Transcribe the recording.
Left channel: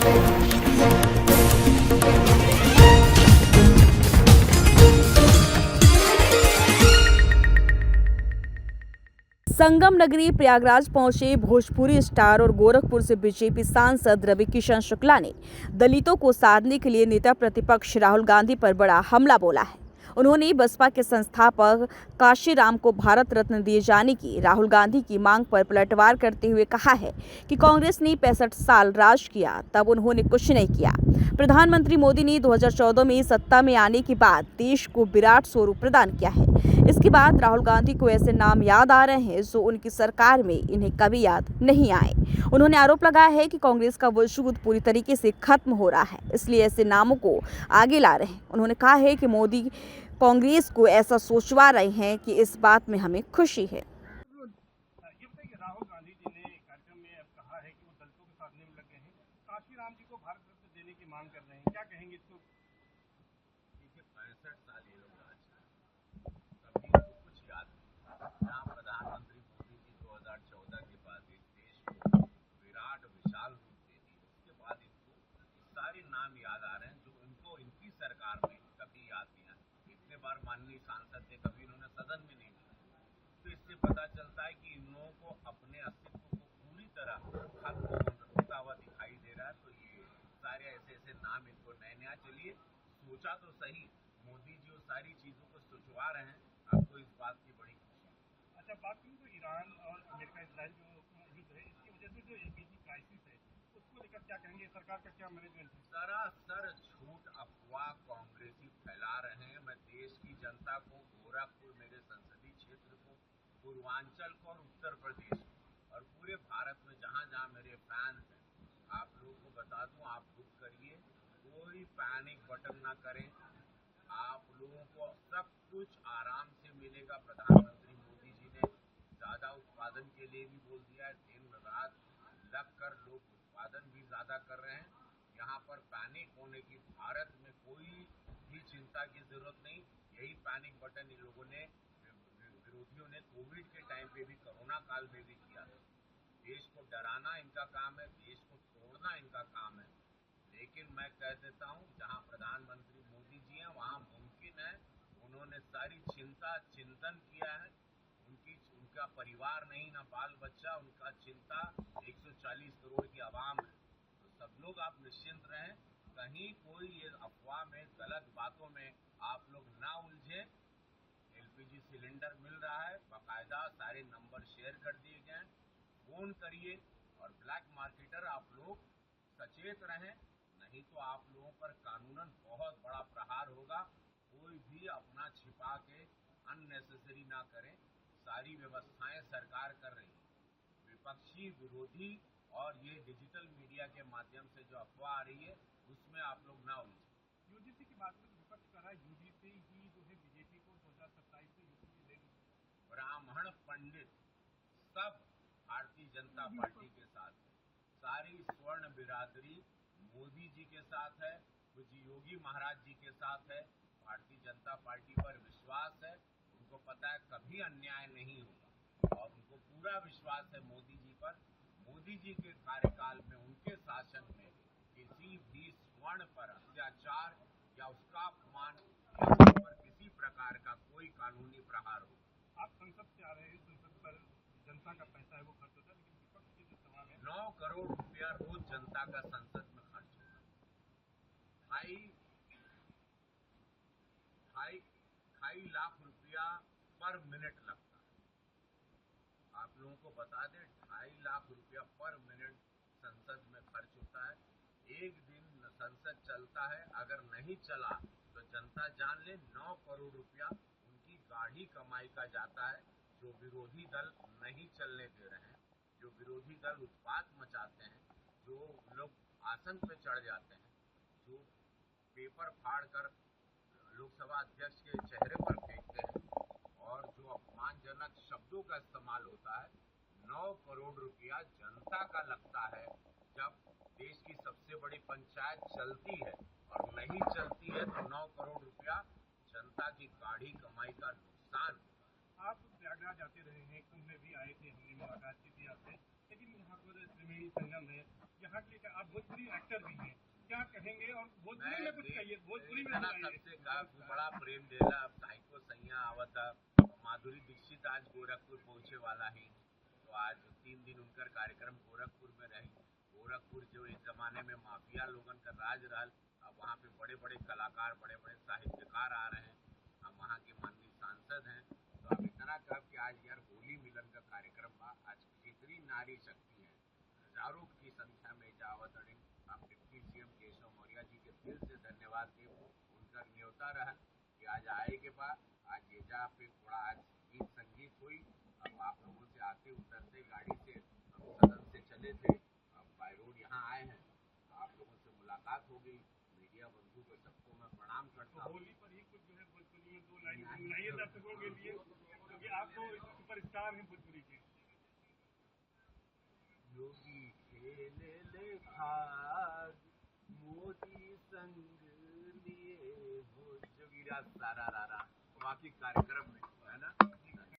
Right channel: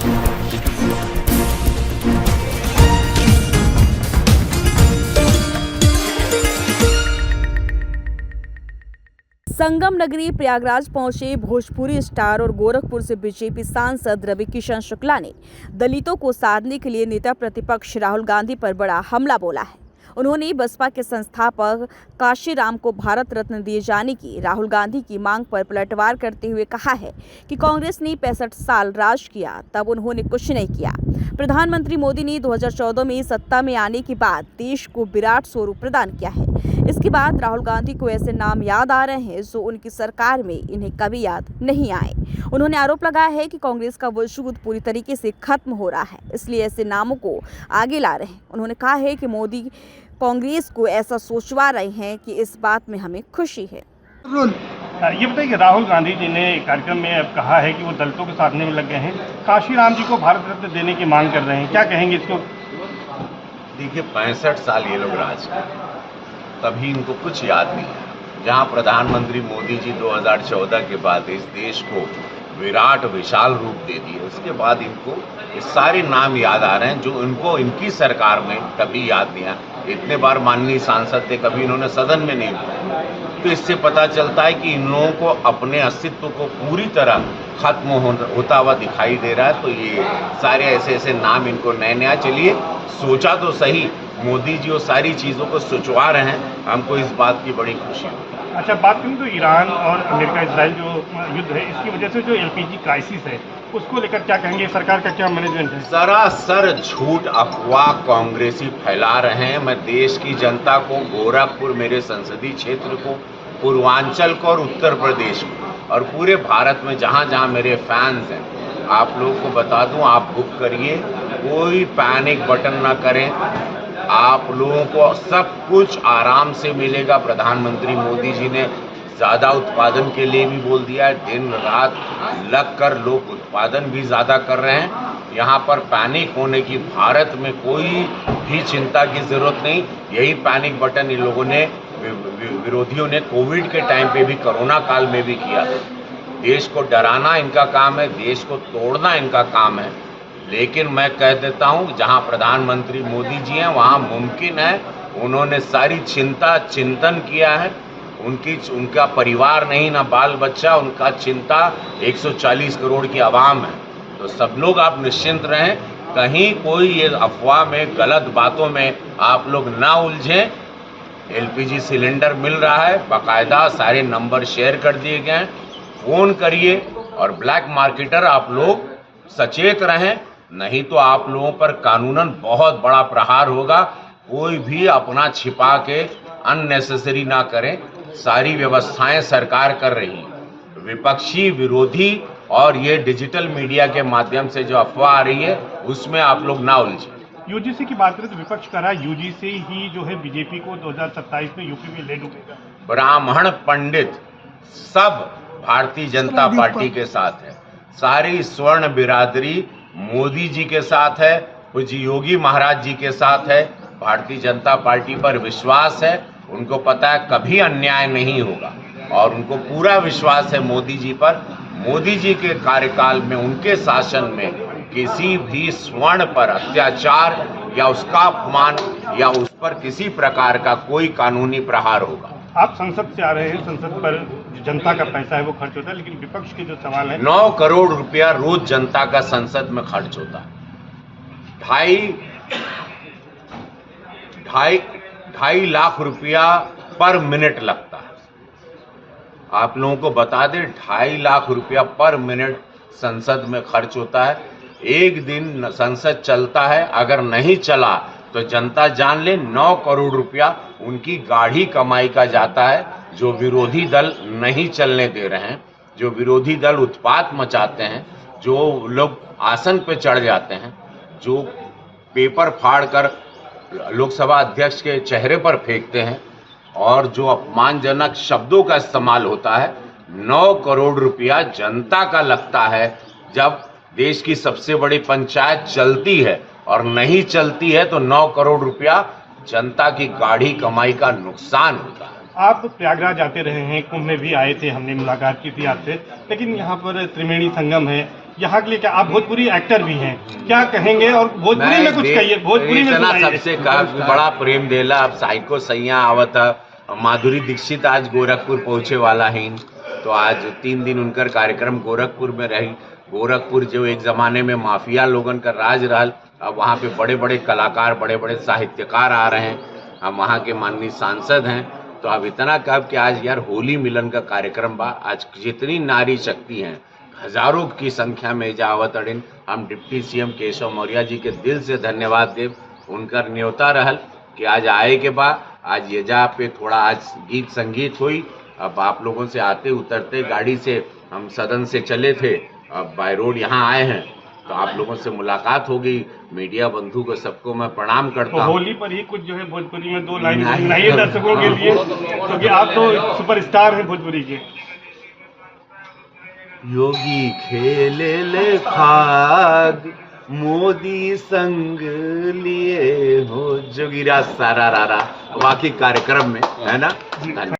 संगम नगरी प्रयागराज पहुंचे भोजपुरी स्टार और गोरखपुर से बीजेपी सांसद रवि किशन शुक्ला ने दलितों को साधने के लिए नेता प्रतिपक्ष राहुल गांधी पर बड़ा हमला बोला है। उन्होंने बसपा के संस्थापक काशीराम को भारत रत्न दिए जाने की राहुल गांधी की मांग पर पलटवार करते हुए कहा है कि कांग्रेस ने 65 साल राज किया, तब उन्होंने कुछ नहीं किया। प्रधानमंत्री मोदी ने 2014 में सत्ता में आने के बाद देश को विराट स्वरूप प्रदान किया है। इसके बाद राहुल गांधी को ऐसे नाम याद आ रहे हैं जो उनकी सरकार में इन्हें कभी याद नहीं आए। उन्होंने आरोप लगाया है कि कांग्रेस का वजूद पूरी तरीके से खत्म हो रहा है, इसलिए ऐसे नामों को आगे ला रहे हैं। उन्होंने कहा है कि मोदी कांग्रेस को ऐसा सोचवा रहे हैं कि इस बात में हमें खुशी है। ये बताइए कि राहुल गांधी जी ने कार्यक्रम में अब कहा है कि वो दलितों के साधने में लग गए हैं, काशीराम जी को भारत रत्न देने की मांग कर रहे हैं, क्या कहेंगे इसको? देखिए, 65 साल ये लोग राज किए, तभी इनको कुछ याद नहीं है। जहां प्रधानमंत्री मोदी जी 2014 के बाद इस देश को विराट विशाल रूप दे दिए, उसके बाद इनको ये सारे नाम याद आ रहे हैं जो इनको इनकी सरकार में कभी याद नहीं आया। इतने बार माननीय सांसद थे, कभी इन्होंने सदन में नहीं बोला। तो इससे पता चलता है कि इन लोगों को अपने अस्तित्व को पूरी तरह खत्म होता हुआ दिखाई दे रहा है। तो ये सारे ऐसे ऐसे नाम इनको नए नया, चलिए सोचा तो सही, मोदी जी वो सारी चीज़ों को सोचवा रहे हैं, हमको इस बात की बड़ी खुशी है। अच्छा, बात करें तो ईरान और अमेरिका इसराइल जो युद्ध है, इसकी वजह से जो एलपीजी क्राइसिस है उसको लेकर क्या कहेंगे? सरकार का क्या मैनेजमेंट है? सरासर झूठ अफवाह कांग्रेसी फैला रहे हैं। मैं देश की जनता को, गोरखपुर मेरे संसदीय क्षेत्र को, पूर्वांचल को और उत्तर प्रदेश को और पूरे भारत में जहां जहां मेरे फैंस हैं, आप लोगों को बता दूं, आप बुक करिए, कोई पैनिक बटन ना करें। आप लोगों को सब कुछ आराम से मिलेगा। प्रधानमंत्री मोदी जी ने ज़्यादा उत्पादन के लिए भी बोल दिया है, दिन रात लग कर लोग उत्पादन भी ज़्यादा कर रहे हैं। यहाँ पर पैनिक होने की भारत में कोई भी चिंता की ज़रूरत नहीं। यही पैनिक बटन इन लोगों ने, विरोधियों ने कोविड के टाइम पे भी, कोरोना काल में भी किया। देश को डराना इनका काम है, देश को तोड़ना इनका काम है। लेकिन मैं कह देता हूं, जहां प्रधानमंत्री मोदी जी हैं वहां मुमकिन है, उन्होंने सारी चिंतन किया है। उनका परिवार नहीं, ना बाल बच्चा, उनका चिंता 140 करोड़ की आवाम है। तो सब लोग आप निश्चिंत रहें, कहीं कोई ये अफवाह में, गलत बातों में आप लोग ना उलझें। एलपीजी सिलेंडर मिल रहा है, बाकायदा सारे नंबर शेयर कर दिए गए हैं, फोन करिए। और ब्लैक मार्केटर आप लोग सचेत रहें, नहीं तो आप लोगों पर कानूनन बहुत बड़ा प्रहार होगा। कोई भी अपना छिपा के अननेसेसरी ना करें, सारी व्यवस्थाएं सरकार कर रही है। विपक्षी, विरोधी और ये डिजिटल मीडिया के माध्यम से जो अफवाह आ रही है उसमें आप लोग ना उलझें। यूजीसी की बात करें तो विपक्ष कर रहा है यूजीसी ही जो है बीजेपी को 2027 में यूपी में ले डूबेगा। ब्राह्मण पंडित सब भारतीय जनता पार्टी के साथ है, सारी स्वर्ण बिरादरी मोदी जी के साथ है, पूज्य योगी महाराज जी के साथ है। भारतीय जनता पार्टी पर विश्वास है, उनको पता है कभी अन्याय नहीं होगा और उनको पूरा विश्वास है मोदी जी पर। मोदी जी के कार्यकाल में, उनके शासन में किसी भी स्वर्ण पर अत्याचार या उसका अपमान या उस पर किसी प्रकार का कोई कानूनी प्रहार होगा। आप संसद से आ रहे हैं, संसद पर जो जनता का पैसा है वो खर्च होता है, लेकिन विपक्ष के जो सवाल है, 9 करोड़ रुपया रोज जनता का संसद में खर्च होता है। ढाई लाख रुपया पर मिनट लगता है। आप लोगों को बता दें, 2.5 लाख रुपया पर मिनट संसद में खर्च होता है। एक दिन संसद चलता है, अगर नहीं चला तो जनता जान ले 9 करोड़ रुपया उनकी गाढ़ी कमाई का जाता है, जो विरोधी दल नहीं चलने दे रहे हैं, जो विरोधी दल उत्पात मचाते हैं, जो लोग आसन पे चढ़ जाते हैं, जो पेपर फाड़ कर लोकसभा अध्यक्ष के चेहरे पर फेंकते हैं और जो अपमानजनक शब्दों का इस्तेमाल होता है। 9 करोड़ रुपया जनता का लगता है। जब देश की सबसे बड़ी पंचायत चलती है और नहीं चलती है तो 9 करोड़ रुपया जनता की गाढ़ी कमाई का नुकसान होता है। आप प्रयागराज आते रहे हैं, कुंभ में भी आए थे, हमने मुलाकात की थी आपसे, लेकिन यहाँ पर त्रिवेणी संगम है, यहाँ के लिए क्या, आप भोजपुरी एक्टर भी हैं, क्या कहेंगे? और भोजपुरी में कुछ कहिए, भोजपुरी में इतना सुनाइए। सबसे बड़ा प्रेम देला। अब साइको सैया आवत है, माधुरी दीक्षित आज गोरखपुर पहुंचे वाला है, तो आज 3 दिन उनकर कार्यक्रम गोरखपुर में रही। गोरखपुर जो एक जमाने में माफिया लोगन का राज रहल, अब वहाँ पे बड़े बड़े कलाकार, बड़े बड़े साहित्यकार आ रहे हैं। हम वहाँ के माननीय सांसद हैं, तो अब इतना कब कि आज यार होली मिलन का कार्यक्रम बा। आज जितनी नारी शक्ति हैं, हजारों की संख्या में जावत अड़िन, हम डिप्टी सीएम केशव मौर्य जी के दिल से धन्यवाद देव। उनकर न्योता रहल कि आज आए के बाद आज येजा पे थोड़ा आज गीत संगीत हुई। अब आप लोगों से आते उतरते गाड़ी से हम सदन से चले थे, अब बाय रोड यहाँ आए हैं, तो आप लोगों से मुलाकात हो गई। मीडिया बंधु को सबको मैं प्रणाम करता तो हूँ। होली पर ही कुछ जो है भोजपुरी में 2 लाइन नहीं। सुनाइए दर्शकों के लिए, क्योंकि आप तो सुपरस्टार हैं भोजपुरी के। योगी खेले ले खाग मोदी संग लिए हो जोगिरा सारा रारा, वाकई कार्यक्रम में है ना। धन्यवाद।